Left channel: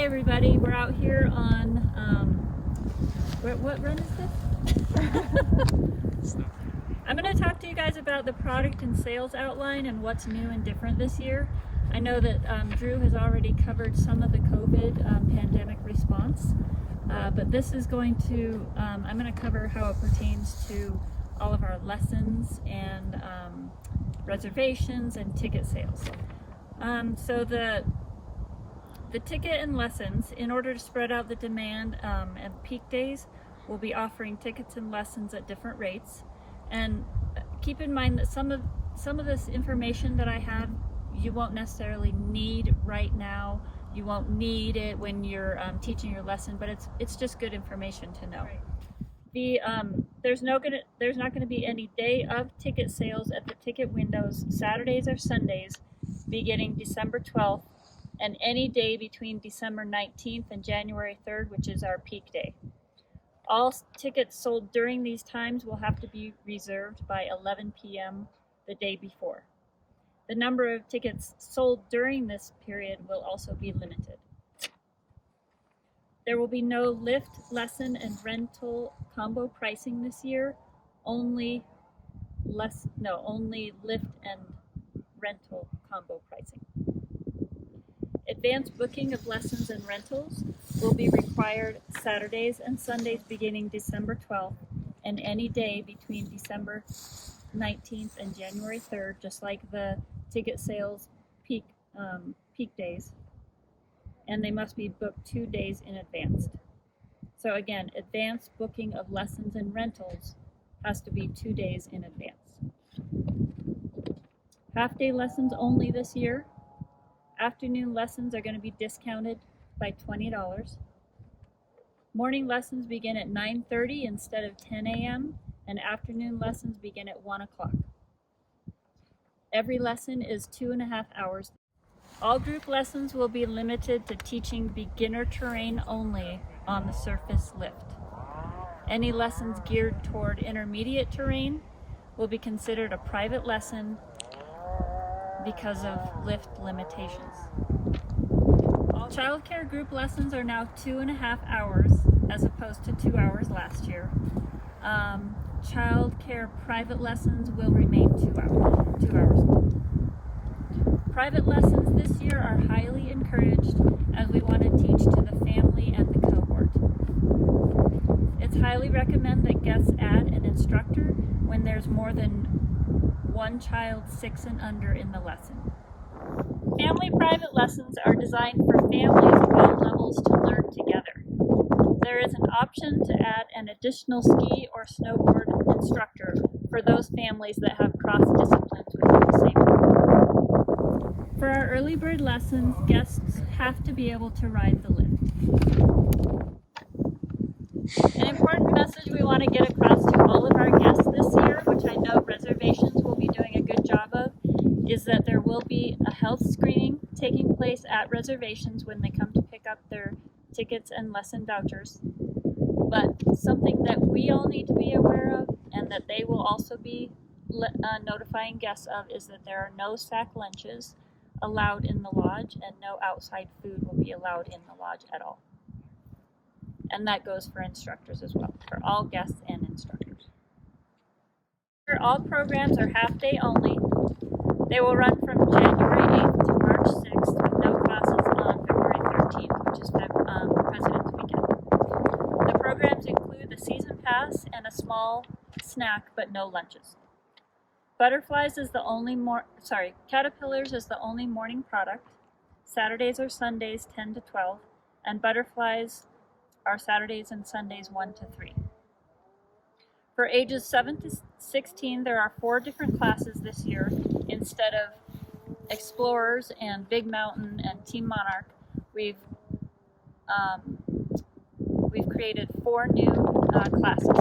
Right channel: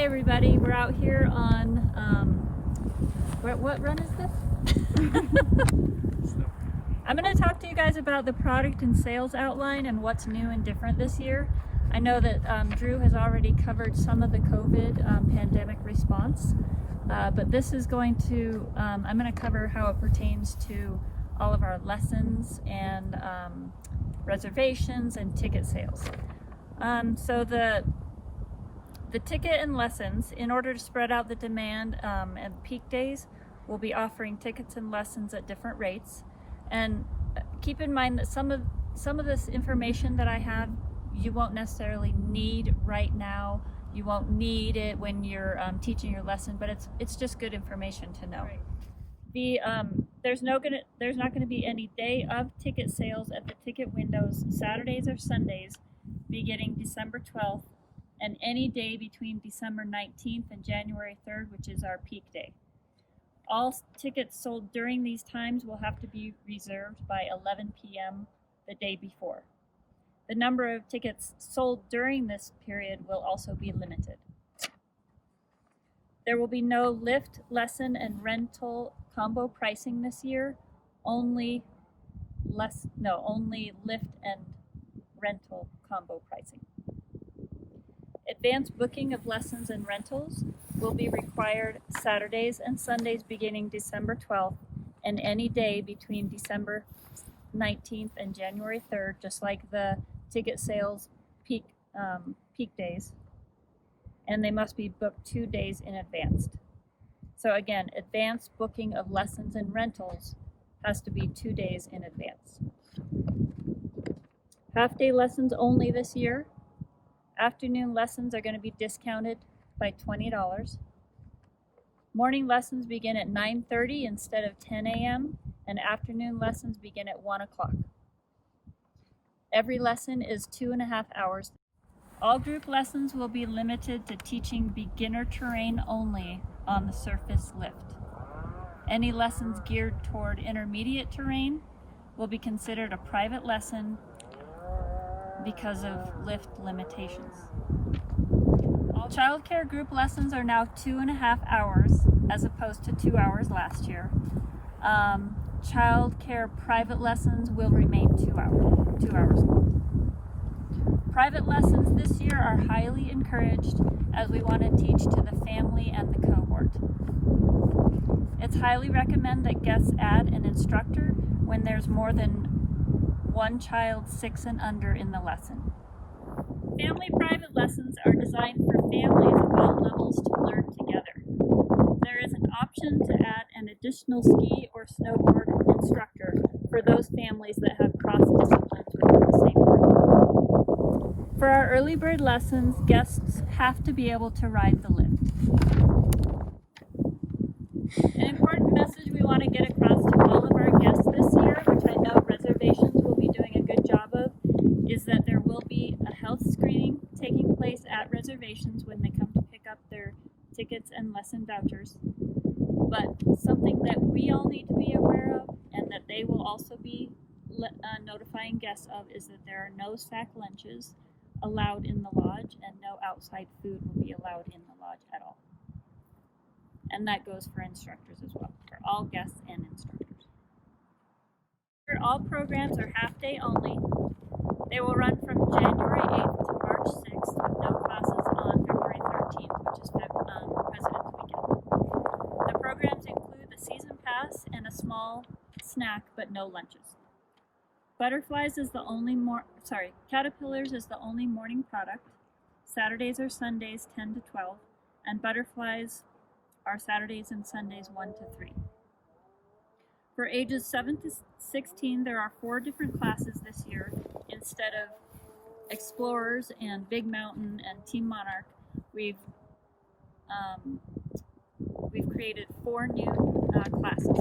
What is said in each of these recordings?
Hi everybody, we're out here on, what run is this? I'm going to talk to you guys about the product and sales outline and what's new and different this year. I know that Drew has already covered some of the COVID pandemic response, but this is going to, I'm going to cover how it pertains to all of our lessons and reservations and ticket sales. So the ticket and lessons, in order to spread out the demand and peak days, we'll be offering tickets and lessons at different rates. And keep in mind that some of this information that I have, you won't necessarily need right now. You won't need it when you're teaching your lesson, but it's just good information to know. Right. There's not going to be any day of ticket sales at the ticket windows Saturdays or Sundays beginning December 12th and any day between December 19th and January 3rd, which is our peak day. All tickets sold during these times will have to be reserved by 11 p.m. the day before. The number of tickets sold during this period will also be limited. There will be no lift, lesson, and rental combo pricing this year, only lift and rental combo pricing. Advanced booking of lessons and rentals will be required Saturdays and Sundays beginning December 12th and any day between December 19th and January 3rd, just like the ticket sales peak days. And they must be booked 2 days in advance. So again, advanced booking of lessons and rentals has to be 2 days in advance. Half-day lessons only this year. Afternoon lessons are going to be discounted by $20. Morning lessons begin at 9:30 instead of 10 a.m. and afternoon lessons begin at 1 o'clock. Every lesson is 2.5 hours. All group lessons will be limited to teaching beginner terrain only on the surface lift. Any lessons geared toward intermediate terrain will be considered a private lesson because of lift limitations. All childcare group lessons are now 2.5 hours as opposed to 2 hours last year. Childcare private lessons will remain 2 hours long. Private lessons this year are highly encouraged as we want to teach to the family and the cohort. It's highly recommended that guests add an instructor when there's more than one child 6 and under in the lesson. Family private lessons are designed for families of all levels to learn together. There is an option to add an additional ski or snowboard instructor for those families that have cross disciplines within the same group. For our early bird lessons, guests have to be able to ride the lift. An important message we want to get across to all of our guests this year, which I know reservations will be doing a good job of, is that there will be a health screening taking place at reservations when they come to pick up their tickets and lesson vouchers. But something that we all need to be aware of and that they will also be notifying guests of is that there are no sack lunches allowed in the lodge and no outside food will be allowed in the lodge at all. And that goes for instructors as well, for all guests and instructors. All programs are half-day only. They will run from January 8th to March 6th with no classes on February 13th, which is President's Weekend. The programs include the season pass and a small snack, but no lunches. Caterpillars is the only morning product. Saturdays or Sundays 10 to 12, and butterflies are Saturdays and Sundays 1 to 3. For ages 7 to 16, there are 4 different classes this year. Instead of Explorers and Big Mountain and Team Monarch, we've created 4 new classes.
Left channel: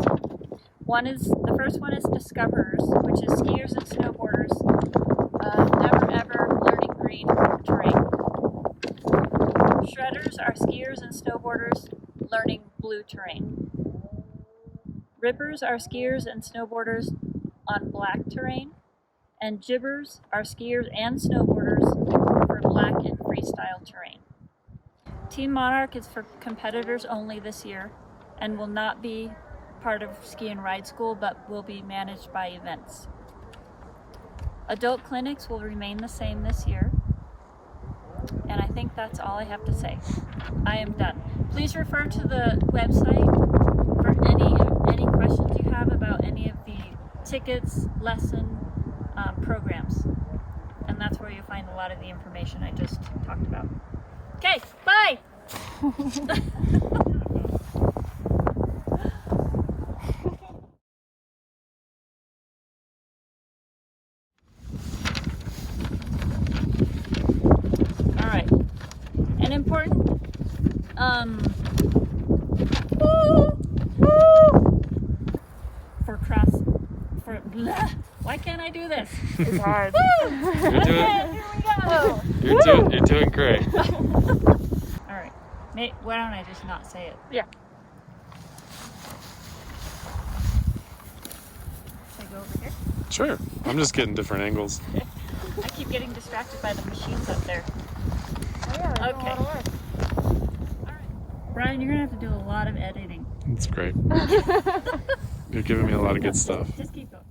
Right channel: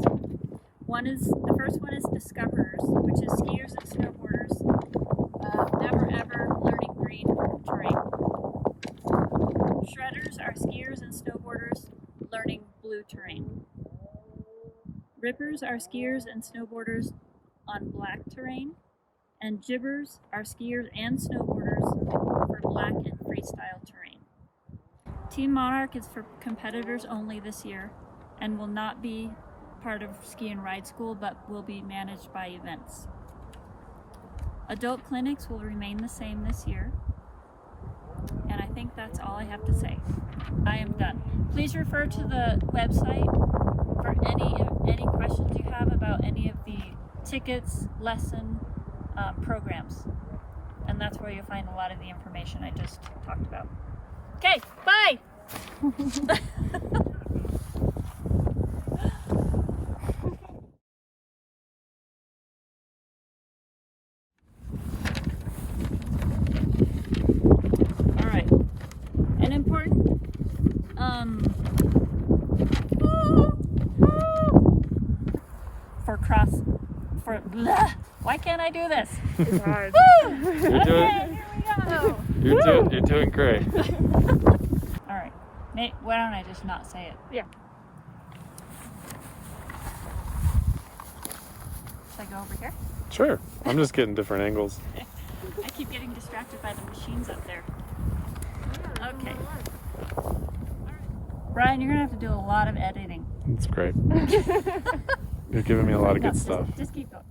The first one is Discoverers, which is skiers and snowboarders never ever learning green terrain. Shredders are skiers and snowboarders learning blue terrain. Rippers are skiers and snowboarders on black terrain, and Jibbers are skiers and snowboarders for black and freestyle terrain. Team Monarch is for competitors only this year and will not be part of Ski and Ride School, but will be managed by events. Adult clinics will remain the same this year. And I think that's all I have to say. I am done. Please refer to the website for any questions you have about any of the tickets, lesson, programs. And that's where you'll find a lot of the information I just talked about. Okay, bye! Alright, an important, why can't I do this? It's hard. You're doing great. Alright, why don't I just not say it? Yeah. Should I go over here? Sure. I'm just getting different angles. I keep getting distracted by the machines up there. Oh, yeah, Okay. Alright. Brian, you're gonna have to do a lot of editing. It's great. You're giving me a lot of good stuff. Just keep going.